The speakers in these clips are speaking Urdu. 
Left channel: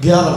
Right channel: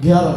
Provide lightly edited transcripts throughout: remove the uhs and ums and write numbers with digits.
11।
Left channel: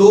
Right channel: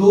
2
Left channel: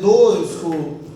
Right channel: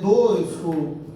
2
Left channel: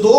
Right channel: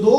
2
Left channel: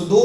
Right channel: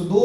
2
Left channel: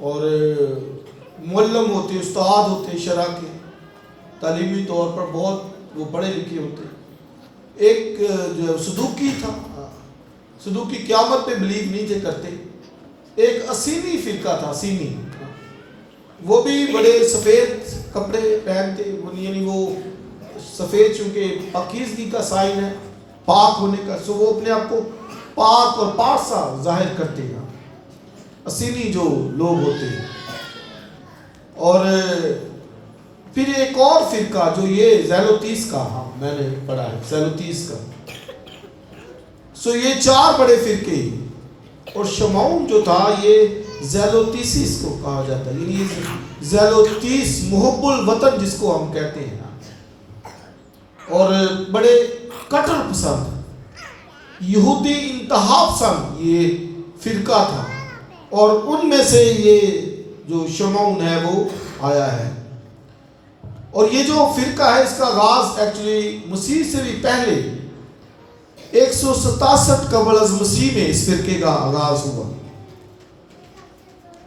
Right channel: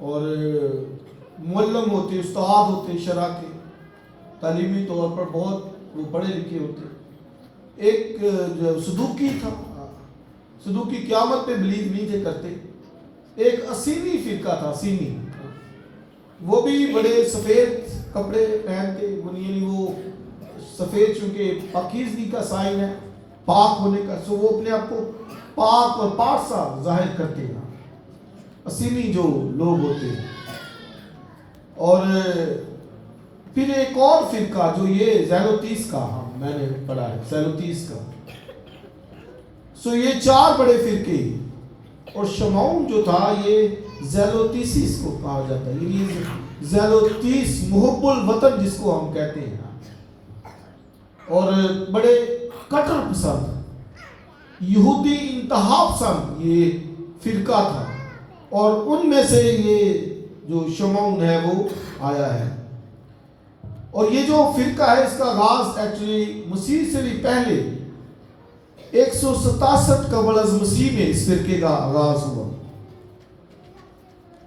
اور معلم ہوتے، استاد ہوتے شرع کے، تعلیمی طور پر بہت وہ پڑھے لکھے ہوتے. ایک جو صدوقی تھا، صدوقی قیامت پہ بلیو نہیں تھے کرتے. ایک اسینی فرقہ تھا، اسینی، وہ بھی بڑے سفید کپڑے پہنتے، یعنی وہ سفید چونکہ پاکیزگی کا سائن ہے، پاک ہونے کا، سو وہ اپنے آپ کو پاک اور پارسا ظاہر کرتے ہیں، اسینی جو لوگ ہوتے ہیں. اور پھر ایک اور فرقہ جو یہ زیلوتیس کا، ہاں میں نے پڑھا ہے زیلوتیس کا. سو یہ 4 بڑے فرقے. اور شمعون جو تھا یہ زیلوتیسیس کو کہا جاتا ہے، یعنی زیلوتیس محب الوطن جس کو ہم کہتے ہیں، اور بڑے کٹر پسند یہودی انتہا پسند یہ فرقہ تھا. اور ان میں سے یہ جو شمعون ہے وہ آیا ہے. اور یہ جو فرقہ ہے اس کا آغاز ایکچولی مسیح سے بھی پہلے 167 قبل از مسیح میں اس فرقے کا آغاز ہوا.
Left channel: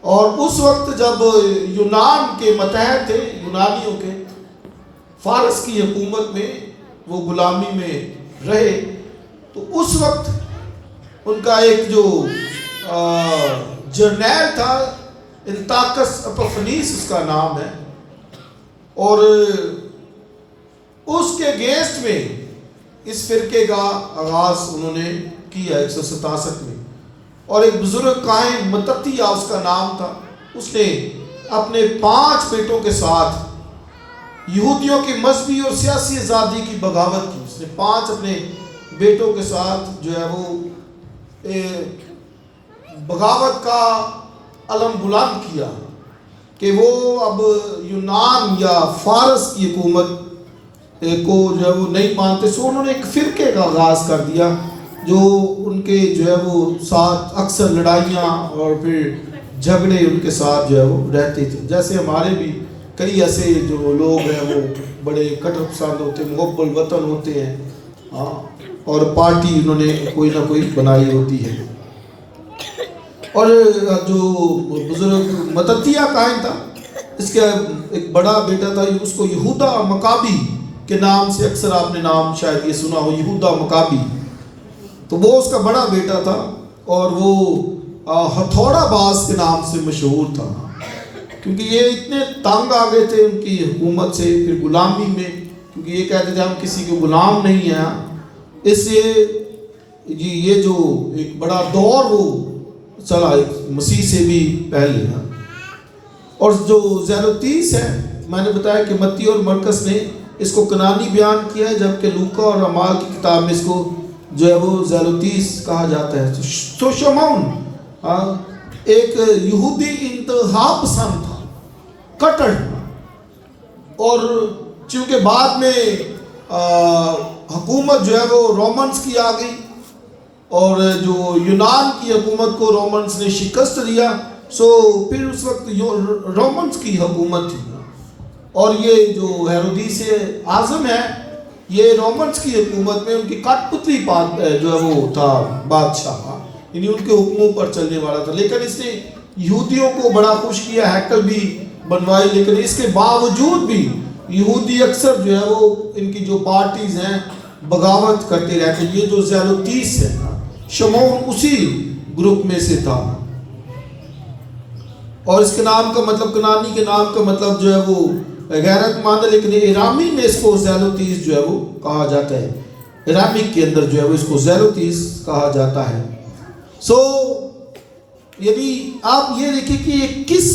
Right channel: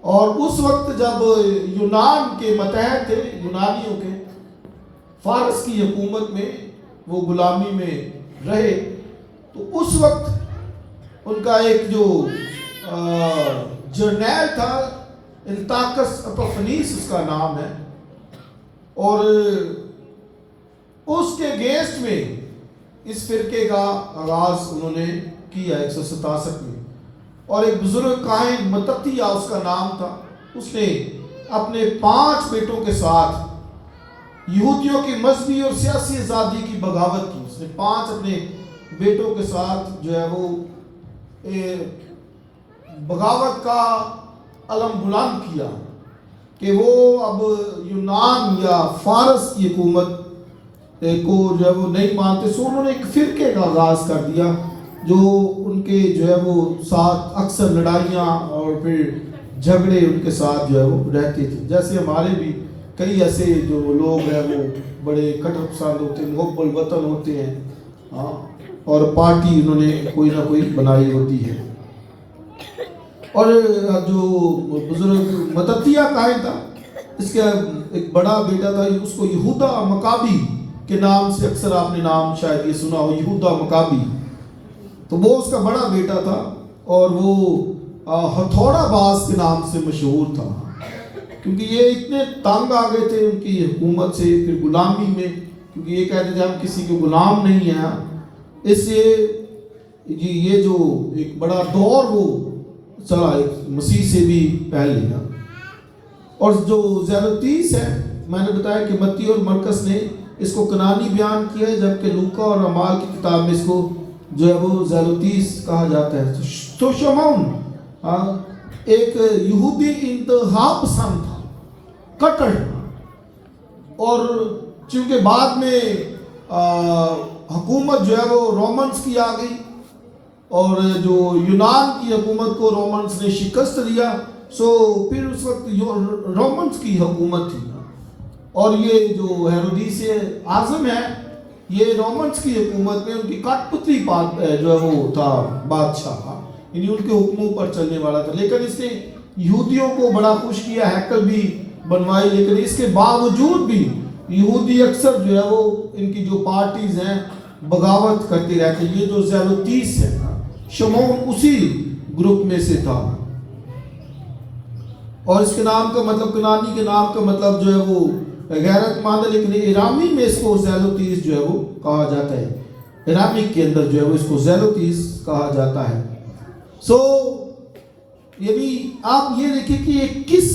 اور اس وقت جب یونان کے متحد تھے، یونانیوں کے، فارس کی حکومت میں وہ غلامی میں رہے، تو اس وقت ان کا ایک جو جرنیل تھا، انتاکس اپفنیس اس کا نام ہے، اور اس کے گیسٹ میں اس فرقے کا آغاز انہوں نے کیا 167 میں. اور ایک بزرگ کاہن متتیہ اس کا نام تھا، اس نے اپنے 5 بیٹوں کے ساتھ یہودیوں کی مذہبی اور سیاسی آزادی کی بغاوت کی. اس نے 5 اپنے بیٹوں کے ساتھ جو ہے وہ بغاوت کا علم بلند کیا کہ وہ اب یونان یا فارس کی حکومت کو جو ہے وہ نہیں مانتے. سو انہوں نے ایک فرقے کا آغاز کر دیا جو ان کے جو ہے وہ ساتھ اکثر لڑائیاں اور پھر جھگڑے ان کے ساتھ جو ہے وہ رہتے تھے. جیسے ہمارے بھی کئی ایسے جو لوگ ہیں وہ بڑے کٹر پسند ہوتے ہیں، محب الوطن ہوتے ہیں، ہاں، اور پارٹی انہوں نے کوئی نہ کوئی بنائی ہوتی ہے. اور جو بزرگ متتیہ کاہن تھا، اس کا ایک بڑا بیٹا تھا، اس کو یہودا مکابی کے نام سے اکثر آپ نے نام شاید یہ سنا ہو، یہودا مکابی. تو وہ اس کا بڑا بیٹا تھا، اور وہ ہتھوڑا باز کے نام سے مشہور تھا، کیونکہ یہ اتنے تنگ آ گئے تھے ان کی حکومت سے، پھر غلامی میں، کیونکہ یہ کہتے تھے ہم کسی کے غلام نہیں ہیں. اس لیے جی یہ جو ایک بڑا دور وہ چلا مسیح سے بھی پہلے. اور جو زیلوتیس ہے، میں نے بتایا کہ متی اور مرکز نے اس کو کنانی بیان کیا ہے، جبکہ لوکا اور اعمال کی کتاب میں اس کو جو ہے وہ زیلوتیس کہا جاتا ہے. تو شمعون ایک یہودی انتہا پسند تھا، کٹر. اور چونکہ بعد میں حکومت جو ہے وہ رومنز کی آ گئی، اور جو یونان کی حکومت کو رومنز نے شکست دیا، سو پھر اس وقت رومنز کی حکومت تھی. اور یہ جو ہیرودیس اعظم ہے، یہ رومنز کی حکومت میں ان کی کٹ پتلی جو ہے وہ تھا بادشاہ، یعنی ان کے حکموں پر چلنے والا تھا. لیکن اس نے یہودیوں کو بڑا خوش کیا، ہیکل بھی بنوائی، لیکن اس کے باوجود بھی یہودی اکثر جو ہے وہ ان کی جو پارٹیز ہیں بغاوت کرتے رہتے. یہ جو زیلوتیس ہے، شمعون اسی گروپ میں سے تھا. اور اس کے نام کا مطلب، کنانی کے نام کا مطلب جو ہے وہ غیرت مند ہے، لیکن ایرامی میں اس کو زیلوتیس جو ہے وہ کہا جاتا ہے. ایرامیک کے اندر جو ہے وہ اس کو زیلوتیس کہا جاتا ہے. سو یعنی آپ یہ دیکھیں کہ یہ کس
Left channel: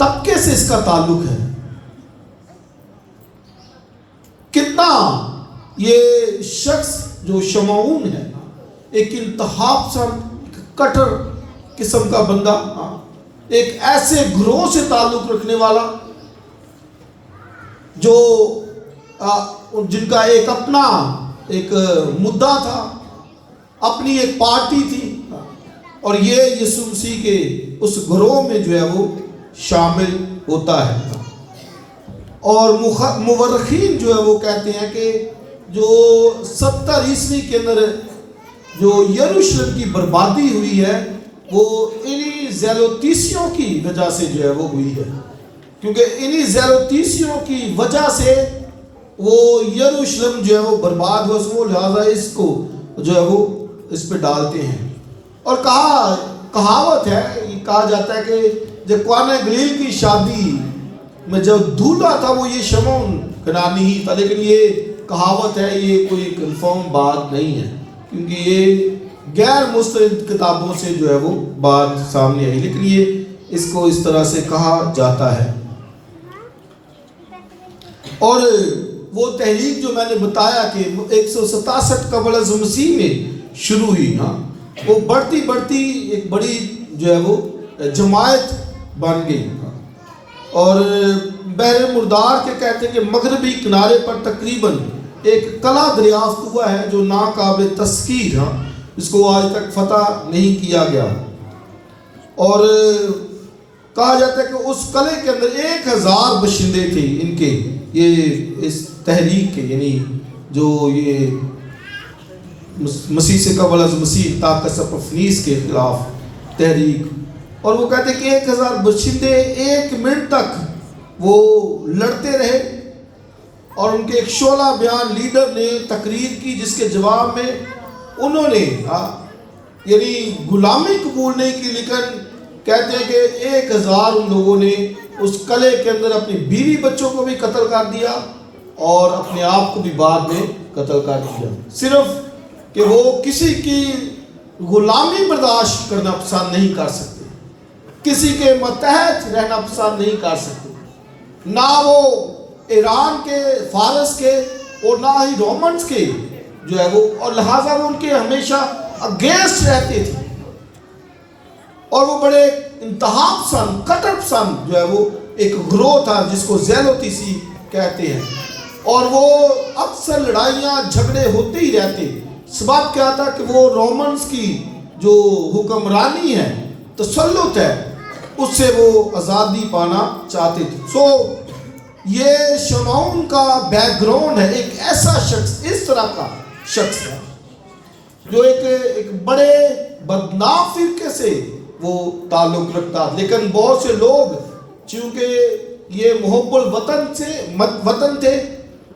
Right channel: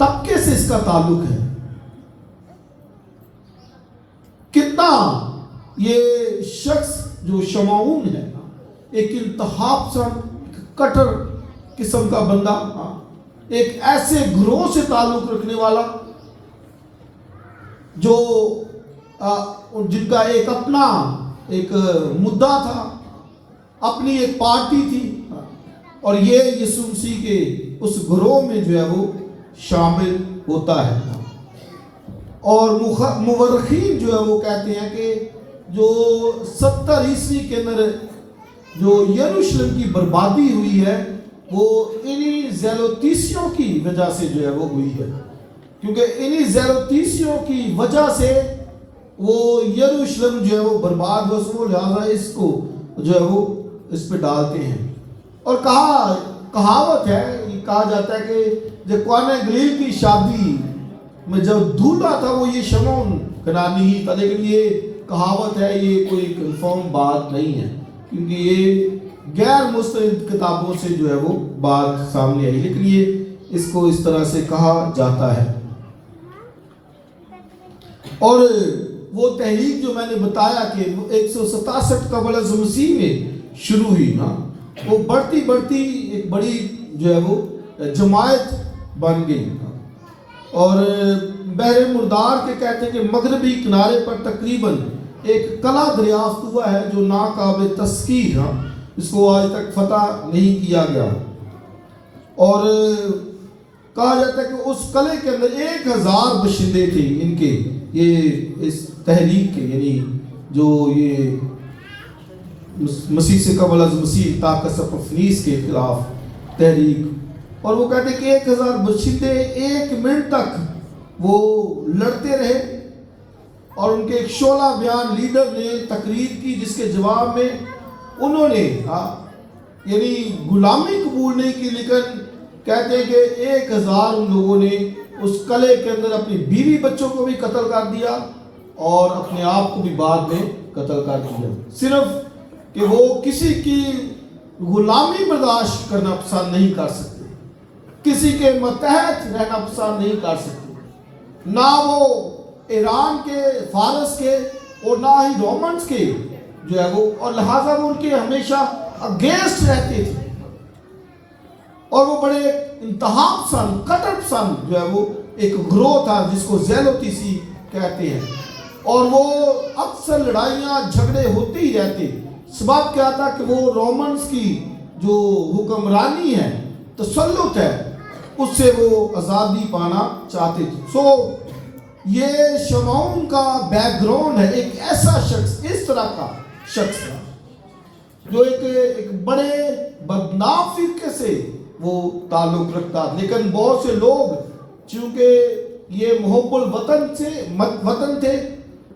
طبقے سے اس کا تعلق ہے، کتنا یہ شخص جو شمعون ہے ایک انتہا پسند کٹر قسم کا بندہ، ایک ایسے گروہ سے تعلق رکھنے والا جو جن کا ایک اپنا ایک مدعا تھا، اپنی ایک پارٹی تھی، اور یہ یسوع مسیح کے اس گروہ میں جو ہے وہ شامل ہوتا ہے. اور مورخین جو ہے وہ کہتے ہیں کہ جو 70 عیسوی کے اندر جو یروشلم کی بربادی ہوئی ہے، وہ انہی زیلوتیسیوں کی وجہ سے جو ہے وہ ہوئی ہے، کیونکہ انہی زیلوتیسیوں کی وجہ سے وہ یروشلم جو ہے وہ برباد ہو سکو، لہذا اس کو جو ہے وہ اس پہ ڈالتے ہیں۔ اور کہاوت ہے، یہ کہا جاتا ہے کہ جب قانا گلیل کی شادی میں جب دولہا تھا وہ یہ شمعون کنعانی ہی تھا، لیکن یہ کہاوت ہے، یہ کوئی کنفرم بات نہیں ہے، کیونکہ یہ غیر مستند کتابوں سے جو ہے وہ بات سامنے آئی، لیکن یہ اس کو اس طرح سے کہا جاتا ہے۔ اور وہ تحریک جو میں نے بتایا کہ 167 قبل از مسیح میں شروع ہوئی نا، وہ بڑھتی بڑھتی ایک بڑی جو ہے وہ جماعت بن گئی، اور بحر مردار کے کہتے ہیں کہ مغربی کنارے پر تقریباً ایک قلعہ دریافت ہوا ہے جو ناقابل تسخیر، اس کو آج تک فتح نہیں کیا گیا، اور کہا جاتا ہے کہ اس قلعے کے اندر 1000 باشندے تھے ان کے، یہ اس تحریک کے، یعنی جو یہ مسیح سے قبل از مسیح طاقت فنیس کے خلاف تحریک، اور وہ کہتے ہیں کہ 1000 باشندے 1 منٹ تک وہ لڑتے رہے، اور ان کے ایک شعلہ بیان لیڈر نے تقریر کی جس کے جواب میں انہوں نے یعنی غلامی قبول نہیں کی، لیکن کہتے ہیں کہ 1000 ان لوگوں نے اس قلعے کے اندر اپنی بیوی بچوں کو بھی قتل کر دیا اور اپنے آپ کو بھی بعد میں قتل کر دیا، صرف کہ وہ کسی کی غلامی برداشت کرنا پسند نہیں کر سکتے، کسی کے متحد رہنا پسند نہیں کر سکتے، نہ وہ ایران کے، فارس کے، اور نہ ہی رومنز کے جو ہے وہ، اور لہٰذا وہ ان کے ہمیشہ اگینسٹ رہتے تھے، اور وہ بڑے انتہا پسند، کٹر پسند جو ہے وہ ایک گروہ تھا جس کو زیلوتیسی کہتے ہیں، اور وہ اکثر لڑائیاں جھگڑے ہوتے ہی رہتے، سبب کیا تھا کہ وہ رومنز کی جو حکمرانی ہے، تسلط ہے، اس سے وہ آزادی پانا چاہتے تھے۔ یہ شمعون کا بیک گراؤنڈ ہے، ایک ایسا شخص، اس طرح کا شخص ہے جو ایک بڑے بدنام فرقے سے وہ تعلق رکھتا، لیکن بہت سے لوگ چونکہ یہ محب الوطن تھے،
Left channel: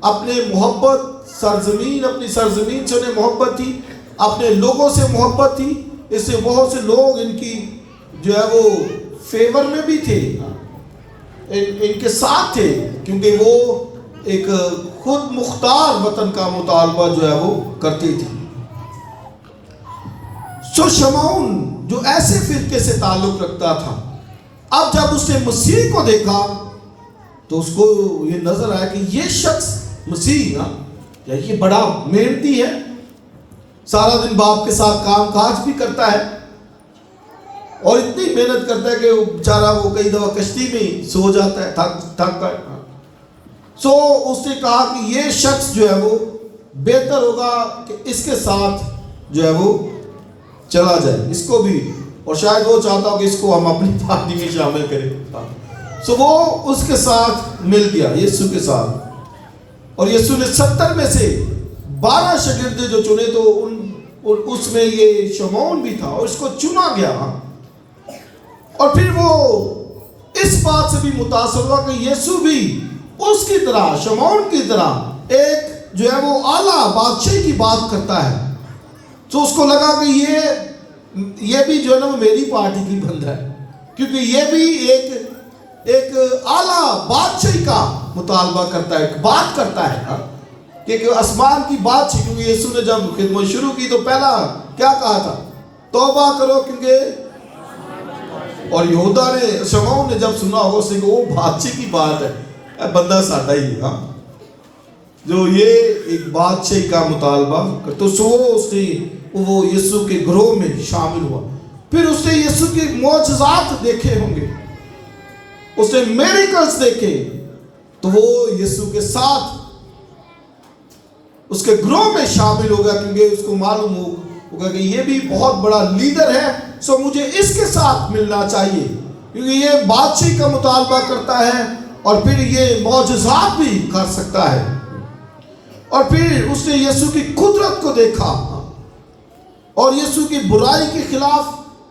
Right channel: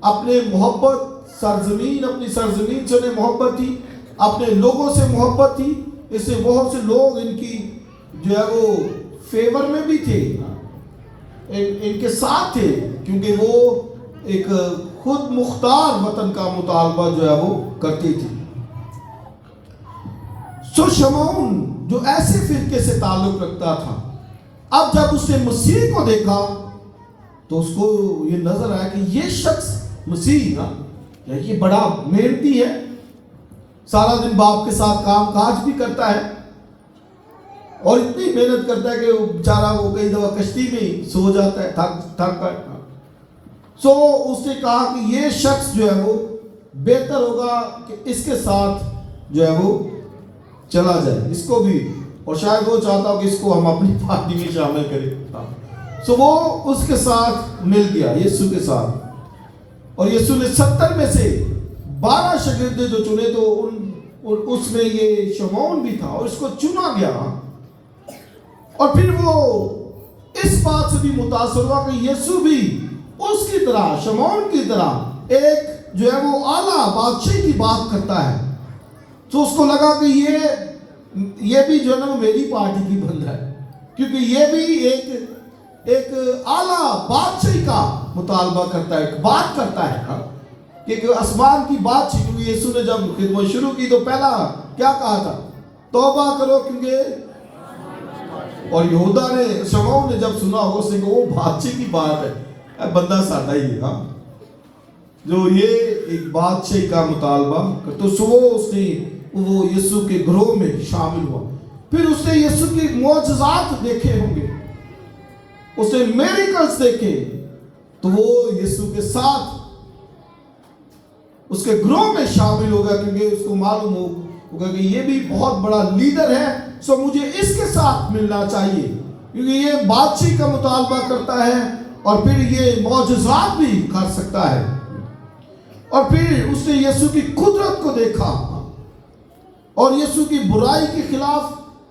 اپنے محبت سرزمین، اپنی سرزمین سے انہیں محبت تھی، اپنے لوگوں سے محبت تھی، اس سے بہت سے لوگ ان کی جو ہے وہ فیور میں بھی تھے، ان کے ساتھ تھے، کیونکہ وہ ایک خود مختار وطن کا مطالبہ جو ہے وہ کرتی تھی۔ شمعون جو ایسے فرقے سے تعلق رکھتا تھا، اب جب اس نے مسیح کو دیکھا تو اس کو یہ نظر آیا کہ یہ شخص مسیح نا، یہ بڑا محنتی ہے، سارا دن باپ کے ساتھ کام کاج بھی کرتا ہے، اور اتنی محنت کرتا ہے کہ وہ بیچارہ وہ کئی دفعہ کشتی میں سو جاتا ہے تھک کر۔ اس نے کہا کہ یہ شخص جو ہے وہ بہتر ہوگا کہ اس کے ساتھ جو ہے وہ چلا جائے، اس کو بھی، اور شاید وہ چاہتا ہو کہ اس کو ہم اپنی پارٹی میں شامل کریں۔ وہ اس کے ساتھ مل گیا، یسوع کے ساتھ، اور یسوع نے 70 میں سے 12 شاگرد جو چنے تو اس میں یہ شمعون بھی تھا، اور اس کو چنا گیا، اور پھر وہ اس بات سے بھی متاثر ہوا کہ یسوع بھی اس کی طرح، شمعون کی طرح ایک جو ہے وہ اعلیٰ بادشاہی کی بات کرتا ہے، تو اس کو لگا کہ یہ بھی جو ہے نا میری پارٹی کی بندہ ہے، کیونکہ یہ بھی ایک اعلیٰ بادشاہی کا مطالبہ کرتا ہے، بات کرتا ہے کہ آسمان کی بات تھی، کیونکہ یسوع نے جب خدمت شروع کی تو پہلا کیا کہا تھا؟ توبہ کرو، کیونکہ، اور یہودا نے، شمعون نے جب سنا ہو اس نے کہ وہ بادشاہ کی بات ہے، بندہ ساڈا ہی ہے، جو یہ ایک بادشاہ کا مطالبہ، تو اس نے وہ یسوع کے گروہ میں شامل ہوا۔ پھر اس نے یسوع کے معجزات دیکھے ہوں گے، اس نے میریکلز دیکھے، تو وہ یسوع کے ساتھ اس کے گروہ میں شامل ہو گیا، کیونکہ اس کو معلوم ہوگا کہ یہ بھی بہت بڑا لیڈر ہے، مجھے اس کے ساتھ ملنا چاہیے، کیونکہ یہ بادشاہی کا مطالبہ کرتا ہے اور پھر یہ معجزات بھی کر سکتا ہے۔ اور پھر اس نے یسوع کی قدرت کو دیکھا اور یسوع کی برائی کے خلاف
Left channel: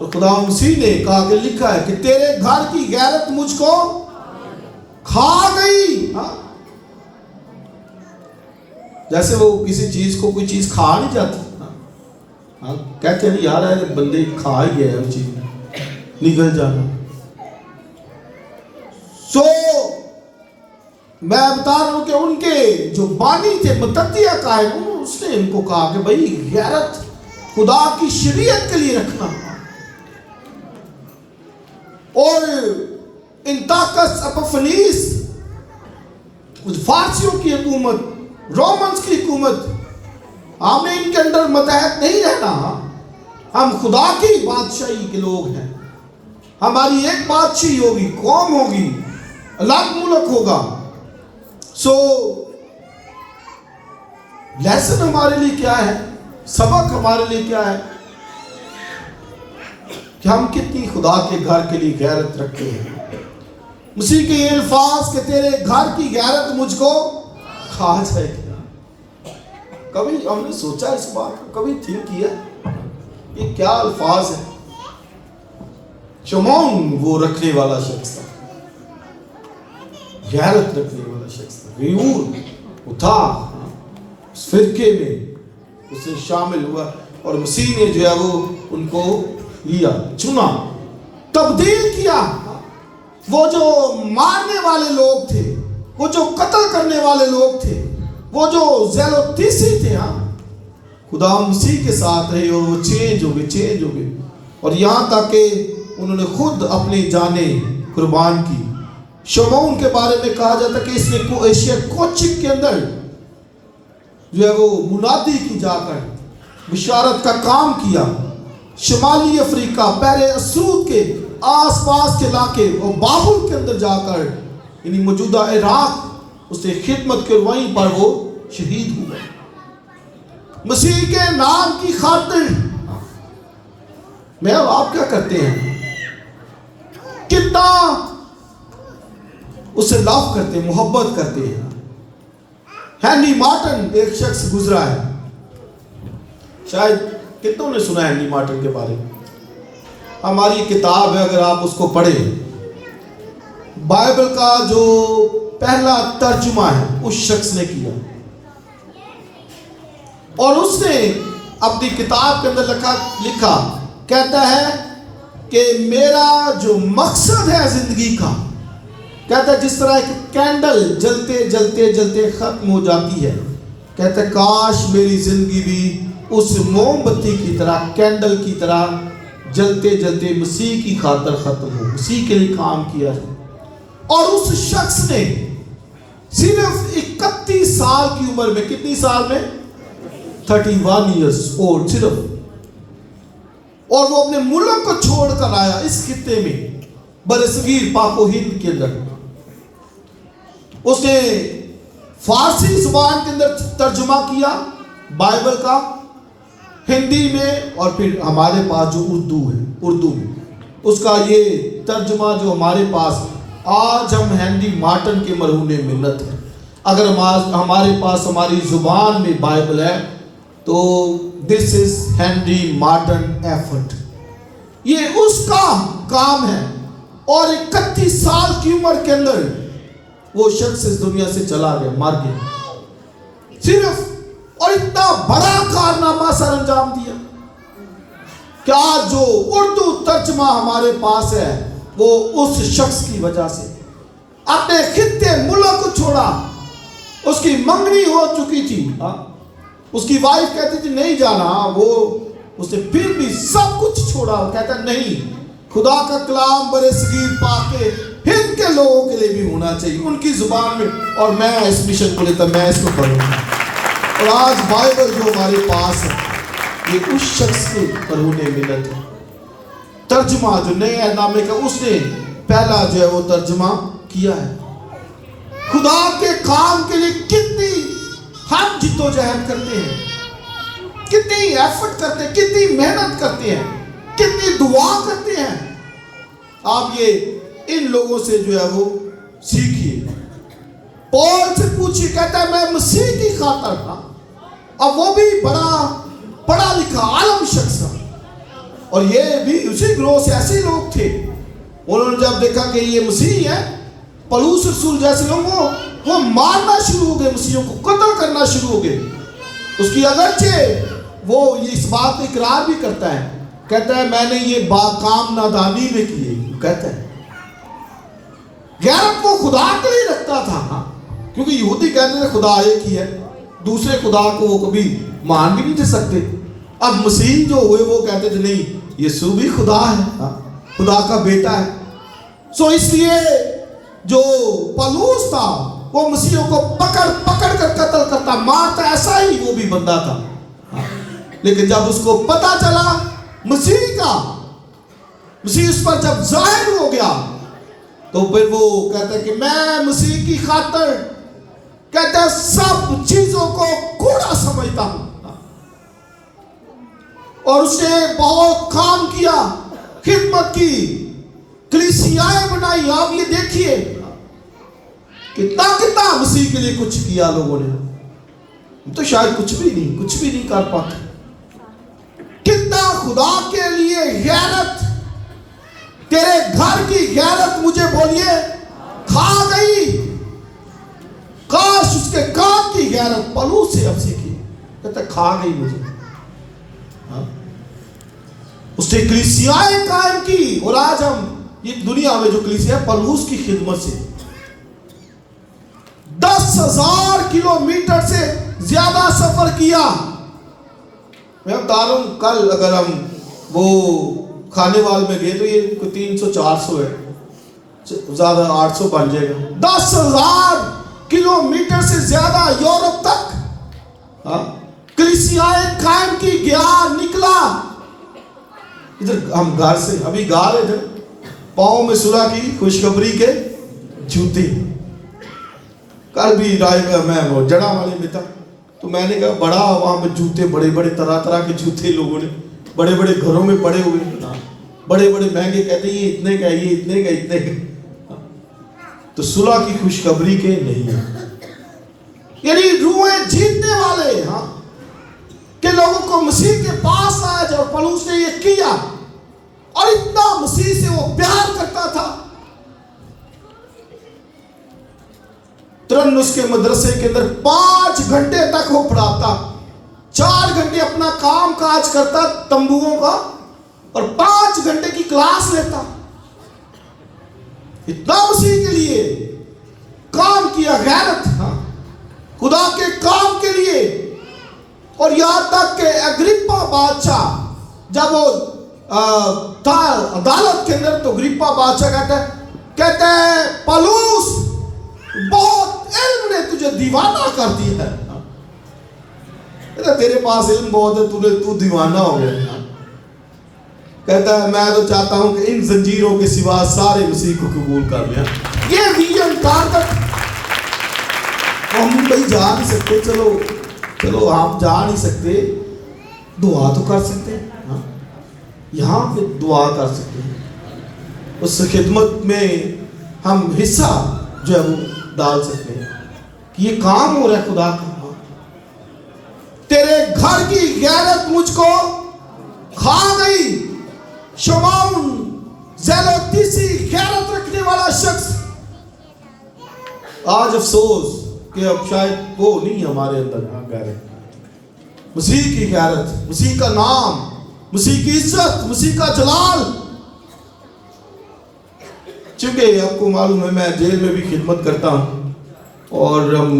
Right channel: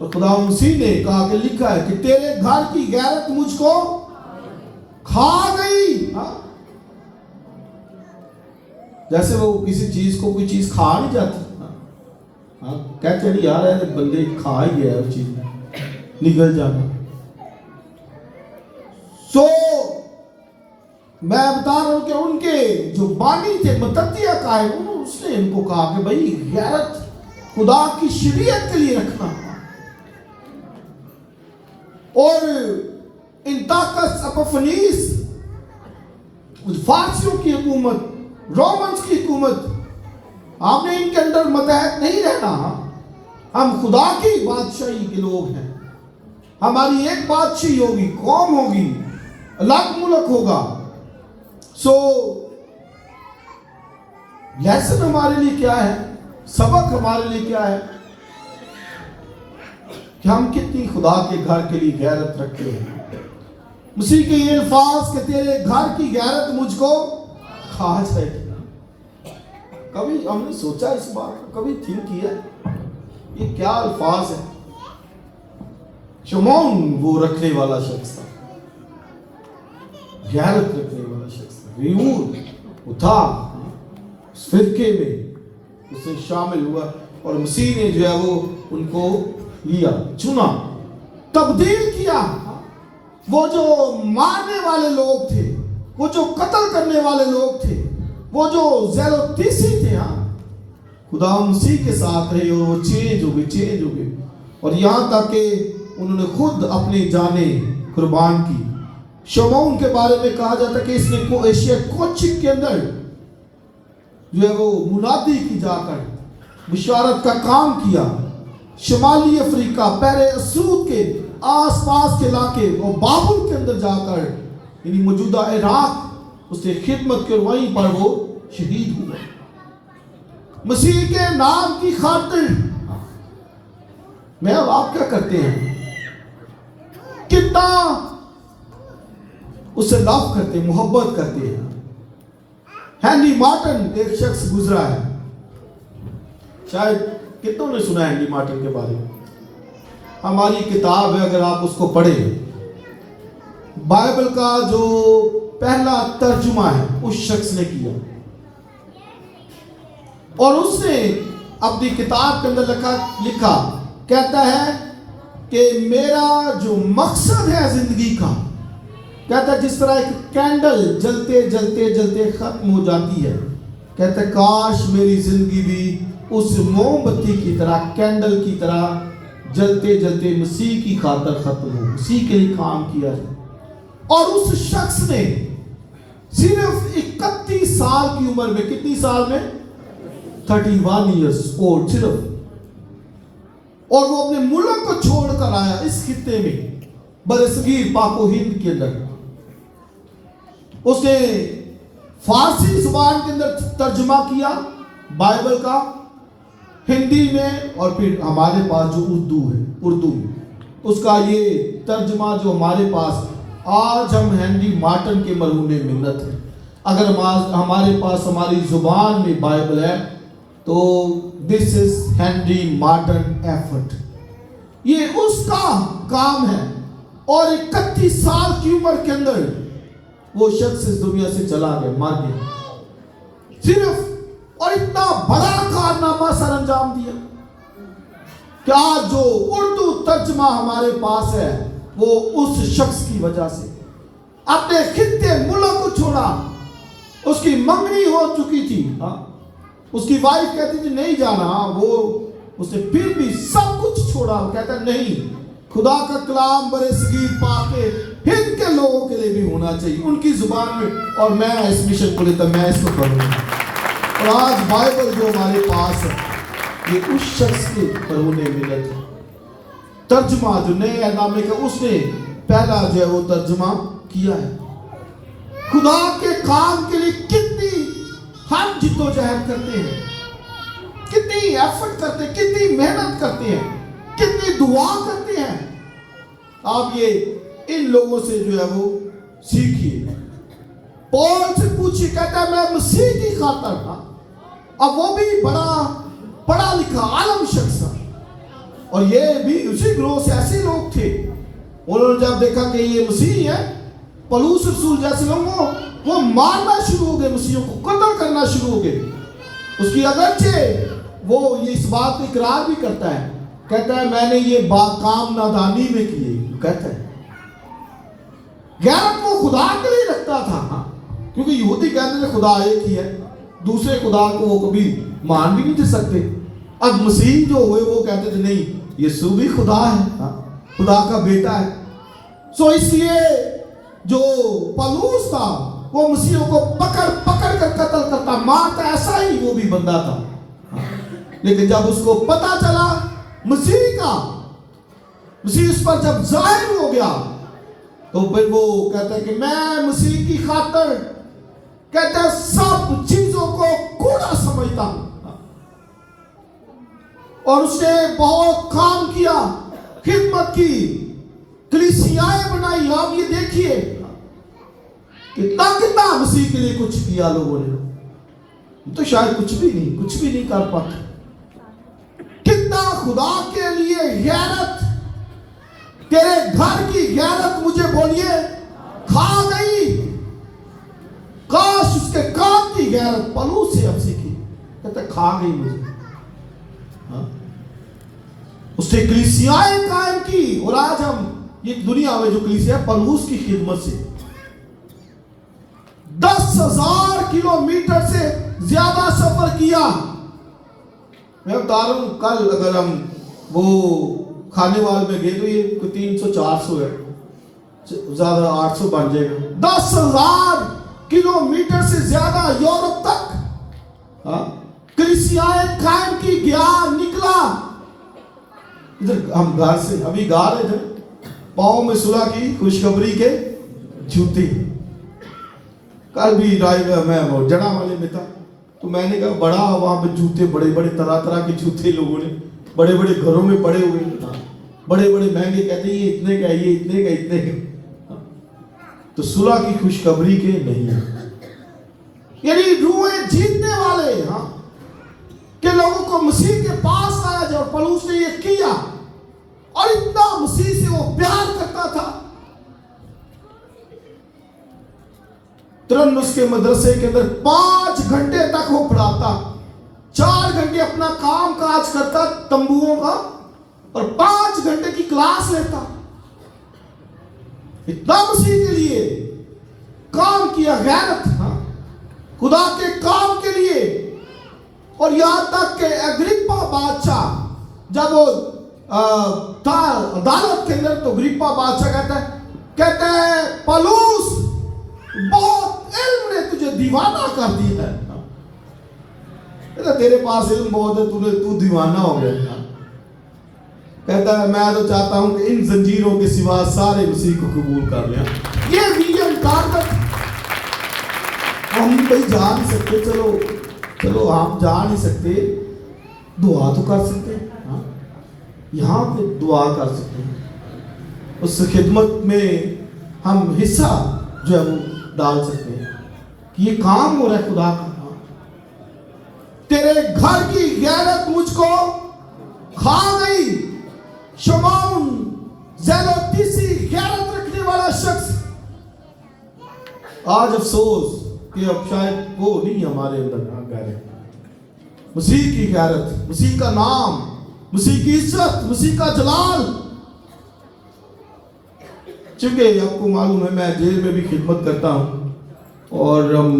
اور خدا مسیح نے کہا کہ لکھا ہے کہ تیرے گھر کی غیرت مجھ کو کھا گئی. جیسے وہ کسی چیز کو کوئی چیز کھا نہیں جاتی, کہتے ہیں یار ہے بندے کھا ہی گیا وہ چیز نگل جانا. سو میں بتا رہا ہوں کہ ان کے جو بانی تھے متدیہ قائم, اس نے ان کو کہا کہ بھائی غیرت خدا کی شریعت کے لیے رکھنا. اور انتاکس اپفنیس فارسیوں کی حکومت, رومنز کی حکومت, ہم نے ان کے اندر متحد نہیں رہنا. ہم خدا کی بادشاہی کے لوگ ہیں. ہماری ایک بادشاہی ہوگی, قوم ہوگی, الگ ملک ہوگا. سو لیسن ہمارے لیے کیا ہے, سبق ہمارے لیے کیا ہے کہ ہم کتنی خدا کے گھر کے لیے غیرت رکھتے ہیں. مسیح کے یہ الفاظ کہ تیرے گھر کی غیرت مجھ کو کھا جائے گی. کبھی ہم نے سوچا اس بات کو, کبھی تھنک کیا یہ کیا الفاظ ہے. شمعون وہ رکھنے والا شخص تھا, غیرت رکھنے والا شخص تھا, ریور وہ تھا, اس فرقے میں اسے شامل ہوا اور مسیح نے جو ہے وہ ان کو لیا, چنا, تبدیل کیا. وہ جو مارنے والے لوگ تھے, وہ جو قتل کرنے والے لوگ تھے, وہ جو ذیل و تیسی تھے, خدا مسیح کے ساتھ رہے اور وہ چینج ہو گئے. اور یہاں تک کہ انہوں نے خود اپنی جانیں قربان کی. شمعون کے بارے میں کہا جاتا کہ اس نے ایشیا کوچک کے اندر جو ہے وہ منادی کی جا کر بشارت کا کام کیا. شمالی افریقہ, پہلے اسود کے آس پاس کے علاقے اور بابل کے اندر جا کر, یعنی موجودہ عراق, اس نے خدمت کے, وہیں پر وہ شہید ہوئے. مسیح کے نام کی خاطر میں اور آپ کیا کرتے ہیں, کتنا اسے لو کرتے ہیں, محبت کرتے ہیں. ہینری مارٹن ایک شخص گزرا ہے, شاید کتنوں نے سنا ہے ہینری مارٹن کے بارے میں. ہماری کتاب ہے, اگر آپ اس کو پڑھیں, بائبل کا جو پہلا ترجمہ ہے اس شخص نے کیا, اور اس نے اپنی کتاب کے اندر لکھا, کہتا ہے کہ میرا جو مقصد ہے زندگی کا, کہتا ہے جس طرح ایک کینڈل جلتے جلتے جلتے ختم ہو جاتی ہے, کہتا ہے کاش میری زندگی بھی اس موم بتی کی طرح, کینڈل کی طرح جلتے جلتے مسیح کی خاطر ختم ہو, مسیح کے لیے کام کیا ہے. اور اس شخص نے صرف 31 سال کی عمر میں, کتنی سال میں, 31 years old صرف, اور وہ اپنے ملک کو چھوڑ کر آیا اس خطے میں, برصغیر پاک و ہند کے اندر. اس نے فارسی زبان کے اندر ترجمہ کیا بائبل کا, ہندی میں, اور پھر ہمارے پاس جو اردو ہے, اردو میں اس کا یہ ترجمہ جو ہمارے پاس, آج ہم ہینری مارٹن کے مرہون منت ہیں. اگر ہمارے پاس ہماری زبان میں بائبل ہے تو دس از ہینری مارٹن ایفرٹ, یہ اس کا کام ہے. اور 31 سال کی عمر کے اندر وہ شخص اس دنیا سے چلا گیا, مر گیا صرف, اور اتنا بڑا کارنامہ سر انجام دیا. کیا جو اردو ترجمہ ہمارے پاس ہے وہ اس شخص کی وجہ سے. اپنے خطے ملک کو چھوڑا, اس کی منگنی ہو چکی تھی, اس کی وائف کہتی تھی نہیں جانا, وہ اس نے پھر بھی سب کچھ چھوڑا, کہتا نہیں, خدا کا کلام برصغیر پاک ہند کے لوگوں کے لیے بھی ہونا چاہیے, ان کی زبان میں, اور میں اس مشن کو لیتا, میں اس کو پڑھوں گا. اور آج بائبل جو ہمارے پاس ہے یہ اس شخص کے مرہون منت ہے. ترجمہ جو نئے عہد نامے کا اس نے پہلا جو ہے وہ ترجمہ کیا ہے. خدا کے کام کے لیے کتنی ہم جد و جہد کرتے ہیں, کتنی ایفرٹ کرتے ہیں, کتنی محنت کرتے ہیں, کتنی دعا کرتے ہیں. آپ یہ ان لوگوں سے جو ہے وہ سیکھیے. پول سے پوچھیے, کہتا ہے میں مسیح کی خاطر تھا, اب وہ بھی بڑا پڑھا لکھا عالم شخص تھا, اور یہ بھی اسی گروہ سے ایسے لوگ تھے. انہوں نے جب دیکھا کہ یہ مسیح ہے, پولس رسول جیسے لوگوں وہ مارنا شروع ہو گئے, مسیحوں کو قتل کرنا شروع ہو گئے. اس کی اگرچہ وہ یہ اس بات کو اقرار بھی کرتا ہے, کہتا ہے میں نے یہ باکام نادانی میں کی, کہتا ہے غیرت وہ خدا کے لیے رکھتا تھا, کیونکہ یہودی کہتے تھے خدا ایک ہی ہے, دوسرے خدا کو وہ کبھی مان بھی نہیں دے سکتے. اب مسیح جو ہوئے وہ کہتے تھے نہیں یسوع بھی خدا ہے, خدا کا بیٹا ہے. سو اس لیے جو پولس تھا وہ مسیحوں کو پکڑ پکڑ کر قتل کرتا, مارتا, ایسا ہی وہ بھی بندہ تھا. لیکن جب اس کو پتا چلا مسیح کا, مسیح اس پر جب ظاہر ہو گیا, تو پھر وہ کہتا ہے کہ میں مسیح کی خاطر کہتا ہے سب چیزوں کو کوڑا سمجھتا ہوں. اور اس نے بہت کام کیا, خدمت کی, کلیسیائیں بنائی. آپ یہ دیکھیے کتنا مسیح کے لیے کچھ کیا لوگوں نے, تو شاید کچھ بھی نہیں کر پاتے. کتنا خدا کے لیے غیرت, تیرے گھر کی غیرت مجھے بولیے کھا گئی. کاش اس کے کام کی غیرت پولس سے عرض کی, کہتا کھا گئی مجھے. اس نے کلیسیائیں قائم کی, اور آج ہم یہ دنیا میں جو کلیسیا ہے پولس کی خدمت سے 10,000 کلومیٹر سے زیادہ سفر کیا. میں بتا رہا ہوں کل اگر ہم وہ کھانے وال میں گئے تو یہ 300-400 ہے, زیادہ 800 بن جائے گا. 10,000 کلومیٹر سے زیادہ یورپ تک کلیسیائیں قائم کی, گیا, نکلا. ادھر ہم گھر سے ابھی گا رہے تھے, پاؤں میں صلح کی خوشخبری کے جوتے. کل بھی میں وہ جڑا والے میں تھا, تو میں نے کہا بڑا وہاں پہ جوتے, بڑے بڑے طرح کے جوتے لوگوں نے بڑے بڑے گھروں میں پڑے ہوئے, بڑے بڑے مہنگے, کہتے ہیں یہ اتنے کا, یہ اتنے کا. تو صلح کی خوشخبری کے نہیں ہے, یعنی روحیں جیتنے والے, کہ لوگوں کو مسیح کے پاس آیا. جب پولس نے یہ کیا اور اتنا مسیح سے وہ پیار کرتا تھا, ترنس کے مدرسے کے اندر 5 گھنٹے تک وہ پڑھاتا, 4 گھنٹے اپنا کام کاج کرتا تمبوؤں کا, اور 5 گھنٹے کی کلاس لیتا. اتنا مسیح کے لیے کام کیا, غیرت, خدا کے کام کے لیے. اور یہاں تک کہ اگریپا بادشاہ جب وہ تھا عدالت کے اندر, تو اگریپا بادشاہ کہتا ہے پولس بہت علم نے تجھے دیوانہ کر دیا ہے. تیرے پاس علم بہت ہے, تو دیوانہ ہو گیا. کہتا ہے میں تو چاہتا ہوں کہ ان زنجیروں کے سوا سارے مسیح کو قبول کر لیں. یہ ویژن ٹارگٹ ہم کہیں جا نہیں سکتے, چلو آپ جا نہیں سکتے, دعا تو کر سکتے ہیں, یہاں پہ دعا کر سکتے ہیں. اس خدمت میں ہم حصہ جو ہے وہ ڈال سکتے ہیں کہ یہ کام ہو رہا ہے خدا کا. تیرے گھر کی غیرت مجھ کو کھا گئی. شمعون زیلوتیسی غیرت رکھنے والا شخص, آج افسوس کہ اب شاید وہ نہیں ہمارے اندر. مسیح کی غیرت, مسیح کا نام, مسیح کی عزت, مسیح کا جلال. چونکہ آپ کو معلوم ہے میں جیل میں بھی خدمت کرتا ہوں, اور ہم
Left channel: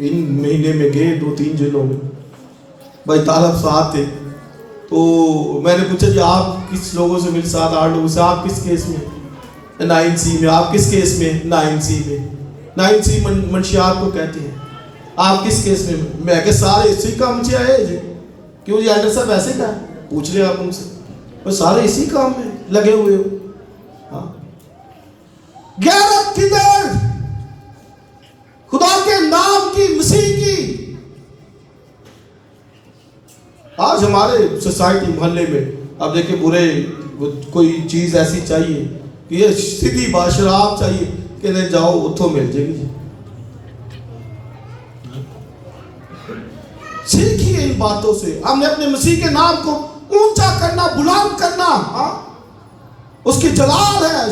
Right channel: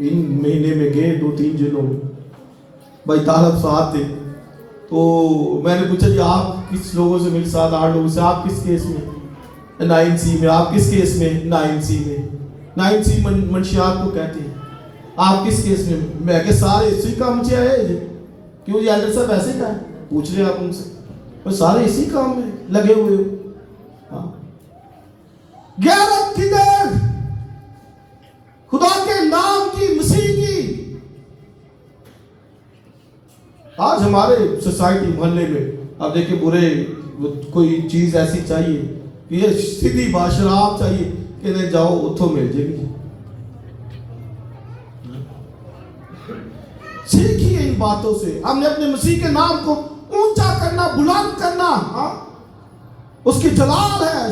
ان مہینے میں گئے 2-3 جیلوں میں. بھائی طالب صاحب تھے, تو میں نے پوچھا جی آپ کس لوگوں سے مل, 7-8 لوگوں سے, آپ کس کیس میں, 9C میں. آپ کس کیس میں, 9C میں. 9C منشیات کو کہتے ہیں. آپ کس کیس میں, میں کہ سارے اسی کام سے آئے جی. کیوں جی ایڈر صاحب ایسے کہا, پوچھ لیں آپ ان سے, وہ سارے اسی کام میں لگے ہوئے ہو. غیرت کدھر, خدا کے نام کی, مسیح کی. آج ہمارے سوسائٹی محلے میں آپ دیکھیں پورے کوئی چیز ایسی چاہیے کہ یہ سیدھی باشراب چاہیے کہ نہیں جاؤ اتھوں مل جائے گی. سیکھیے ان باتوں سے. ہم نے اپنے مسیح کے نام کو اونچا کرنا، بلند کرنا، اس کی جلال ہے.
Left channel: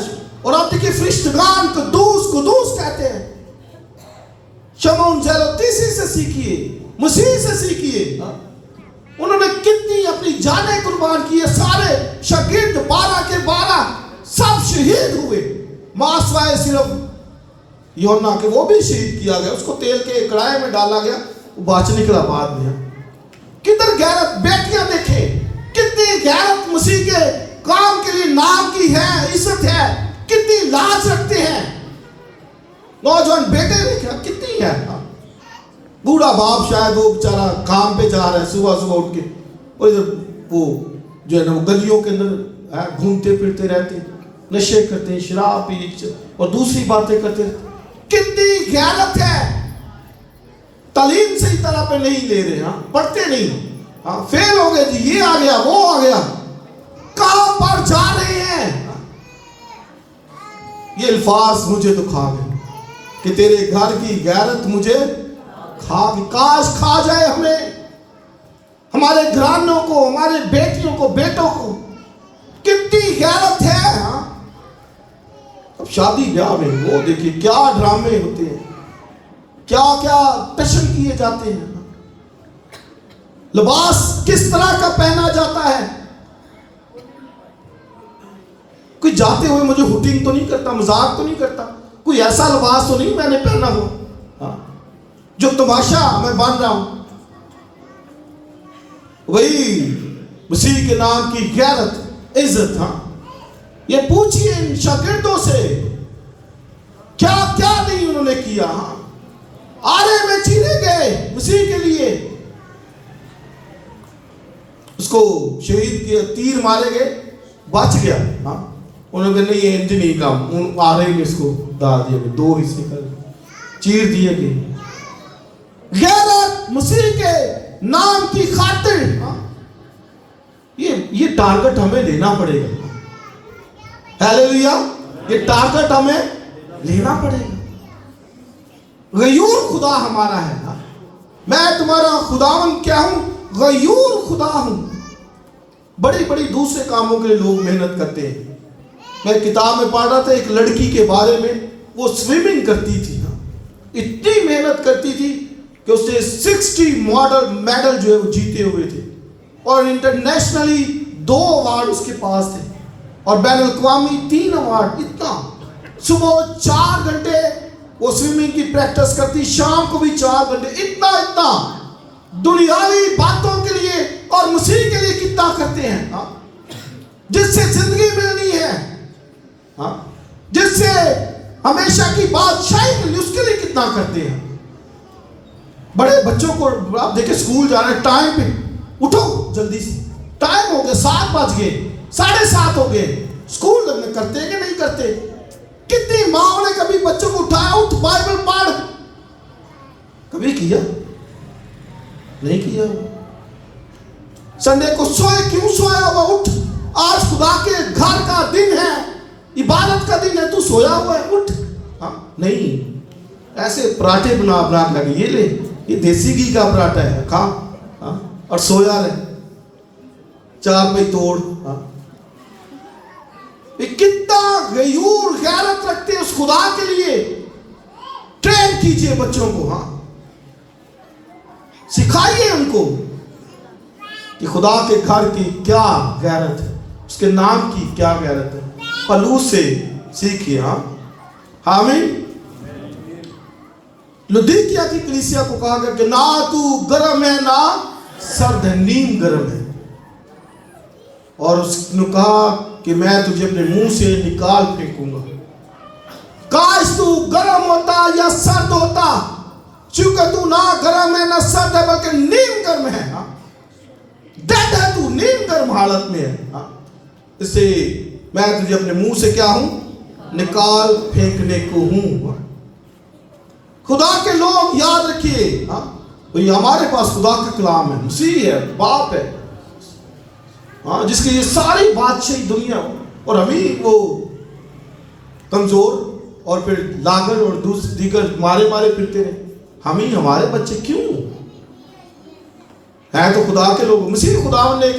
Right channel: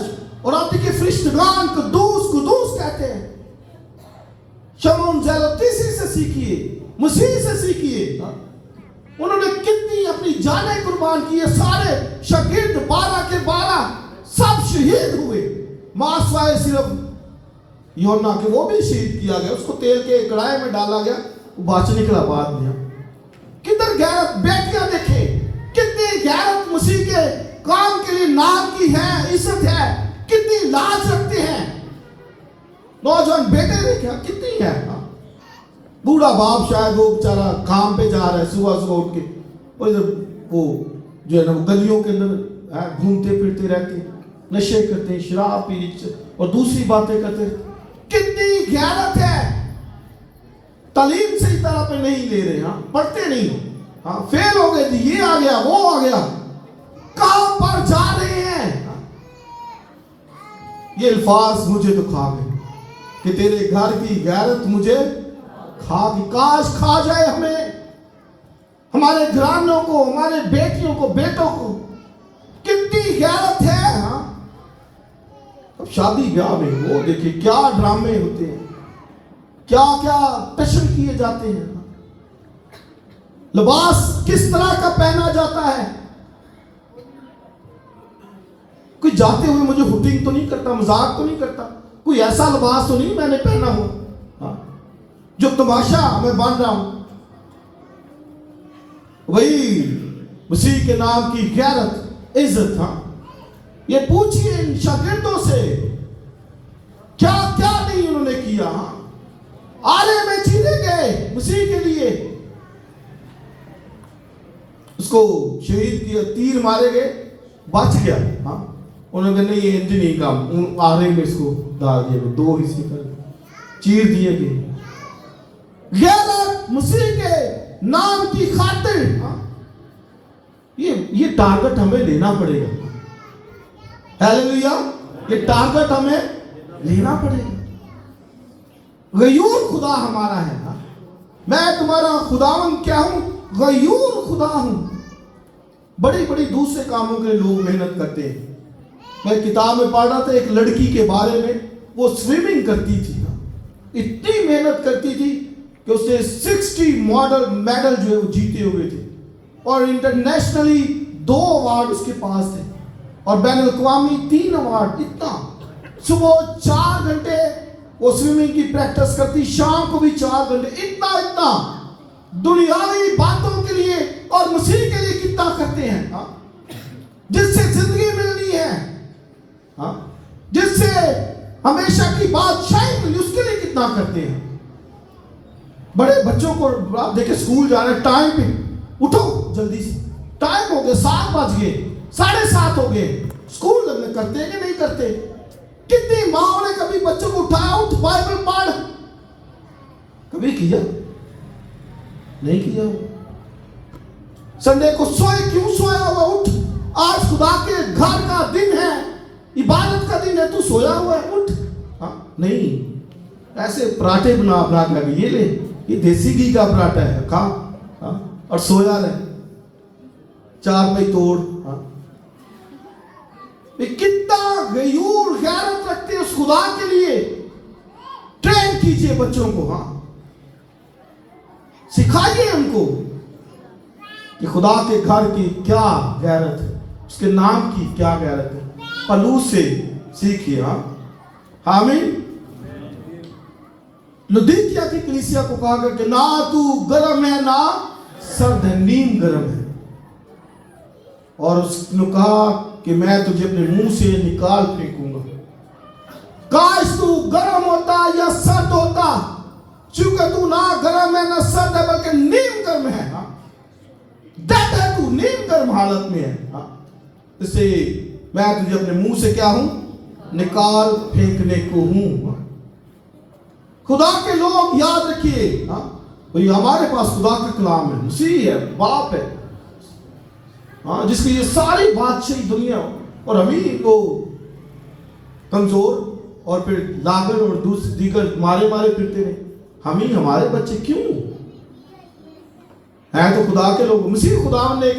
اور آپ دیکھیں فرشتگان قدوس کہتے ہیں. شمعون زیلتیسی سے سیکھیے، مسیح سے سیکھیے. انہوں نے کتنی اپنی جانیں قربان کی. سارے شاگرد 12 کے 12 سب شہید ہوئے، ماسوائے صرف یوحنا کہ وہ بھی شہید کیا گیا. اس کو تیل کے کڑھائی میں ڈالا گیا، وہ بچ نکلا بعد میں. کدھر غیرت؟ بیٹیاں دیکھیں کتنی غیرت مسیح کے کام کے لیے نام کی ہے، عزت ہے، کتنی لاج رکھتے ہیں. نوجوان بیٹے دیکھیں کتنی ہے. بوڑھا باپ شاید وہ بیچارہ کام پہ جا رہا ہے صبح اٹھ کے، اور ادھر وہ جو ہے نا گلیوں کے اندر گھومتے پھرتے رہتے ہیں، نشے کرتے ہیں، شراب پیتے اور دوسری باتیں کرتے ہیں. کتنی غیرت ہے. تعلیم صحیح طرح پہ نہیں لے رہے، پڑھتے نہیں، فیل ہو گئے جی، یہ آ گیا وہ آ گیا. کہاں پر جا رہے ہیں؟ یہ الفاظ مجھے تو کھا گئے کہ تیرے گھر کی غیرت مجھے کھا گئی. کاش کھا جائے ہمیں، ہمارے گھرانوں کو، ہمارے بیٹیوں کو، بیٹوں کو. کتنی غیرت ہے. اب شادی بیاہ میں وہ دیکھیے کیا ڈرامے ہوتے ہیں، کیا کیا ٹشن کیے جاتے ہیں. لباس کس طرح کا پہنا جاتا ہے. کوئی جاتے ہوئے مجھے ہوٹنگ تو نہیں کرتا، مذاق تو نہیں کرتا، کوئی ایسا لباس تو نہیں میں نے پہنا ہو جو تماشا میں بن رہا ہوں. وہی مسیح کے نام کی غیرت، عزت. یہ پوچھئے ان شاگردوں سے کیا کیا نہیں انہوں نے کیا. آرے میں چیرے گئے مسیح کے لیے، اس کو شہید کیا، تیر مارے گئے، بچ گیا. انہوں نے کہا نہیں یہ نہیں کام، آرے میں اس کو ڈال دیا گیا، 2 حصے کر چیر دیے گئے. غیرت مسیح کے نام کی خاطر. یہ ٹارگٹ ہمیں لینا پڑے گا. ہیلیلویا، یہ ٹارگٹ ہمیں لینا پڑے گا. غیور خدا ہمارا ہے. میں تمہارا خداوند کیا ہوں؟ غیور خدا ہوں. بڑی بڑی دوسرے کاموں کے لیے لوگ محنت کرتے ہیں. میں کتاب میں پڑھ رہا تھا ایک لڑکی کے بارے میں، وہ سوئمنگ کرتی تھی، اتنی محنت کرتی تھی کہ اس نے 60 میڈل جو ہے وہ جیتے ہوئے تھے، اور انٹرنیشنلی 2 ایوارڈ اس کے پاس تھے، اور بین الاقوامی 3 ایوارڈ. اتنا صبح 4 گھنٹے وہ سوئمنگ کی پریکٹس کرتی، شام کو بھی 4 گھنٹے. اتنا دنیاوی باتوں کے لیے اور مسیح کے لیے کتنا کرتے ہیں. جس سے زندگی ملنی ہے، جس سے ہمیشہ کی بادشاہی ملنی، اس کے لیے کتنا کرتے ہیں. بڑے بچوں کو آپ دیکھیں اسکول جانا ہے، ٹائم پہ اٹھو جلدی سے، ٹائم ہو گئے 7 بج گئے، 7:30 ہو گئے. اسکول لگنے کرتے کہ نہیں کرتے؟ کتنی ماں نے کبھی بچوں کو اٹھایا، اٹھ بائبل پڑھ؟ کبھی کیا؟ نہیں کیا. سنڈے کو سوئے کیوں سویا ہوا؟ اٹھ، آج خدا کے گھر کا دن ہے، عبادت کا دن ہے، تو سویا ہوا ہے، اٹھ. نہیں، ایسے پراٹھے بنا کر یہ لے، یہ دیسی گھی کا پراٹھا ہے، کھا اور سویا رہے، 4 پہ توڑ. کتنا غیور غیرت رکھتے اس خدا کے لیے. ٹرین کیجئے بچوں کو، سکھائیے ان کو کہ خدا کے گھر کی کیا غیرت ہے، اس کے نام کی کیا غیرت ہے. پلوس سے سیکھیے. آمین. لودیکیا کی کلیسیا کو کہا گیا کہ نہ تو گرم ہے نہ سرد ہے، نیم گرم ہے. اور اس نے کہا کہ میں تجھے اپنے منہ سے نکال پھینکوں گا. کاش تو گرم ہوتا یا سرد ہوتا، چونکہ تو نہ گرم ہے نہ سرد ہے بلکہ نیم گرم ہے. ڈیڈ ہے تو، نیم گرم حالت میں ہے. اس سے میں تجھے اپنے منہ سے کیا ہوں؟ نکال پھینکنے کو ہوں. خدا کے لوگ یاد رکھیے، ہمارے پاس خدا کا کلام ہے، مسیح ہے، باپ ہے، جس کی یہ ساری بادشاہی دنیا، اور ہمیں وہ کمزور اور پھر لاغر اور دیگر مارے پھرتے رہے. ہمیں ہمارے بچے کیوں ہیں؟ تو خدا کے لوگ. مسیح خدا نے ایک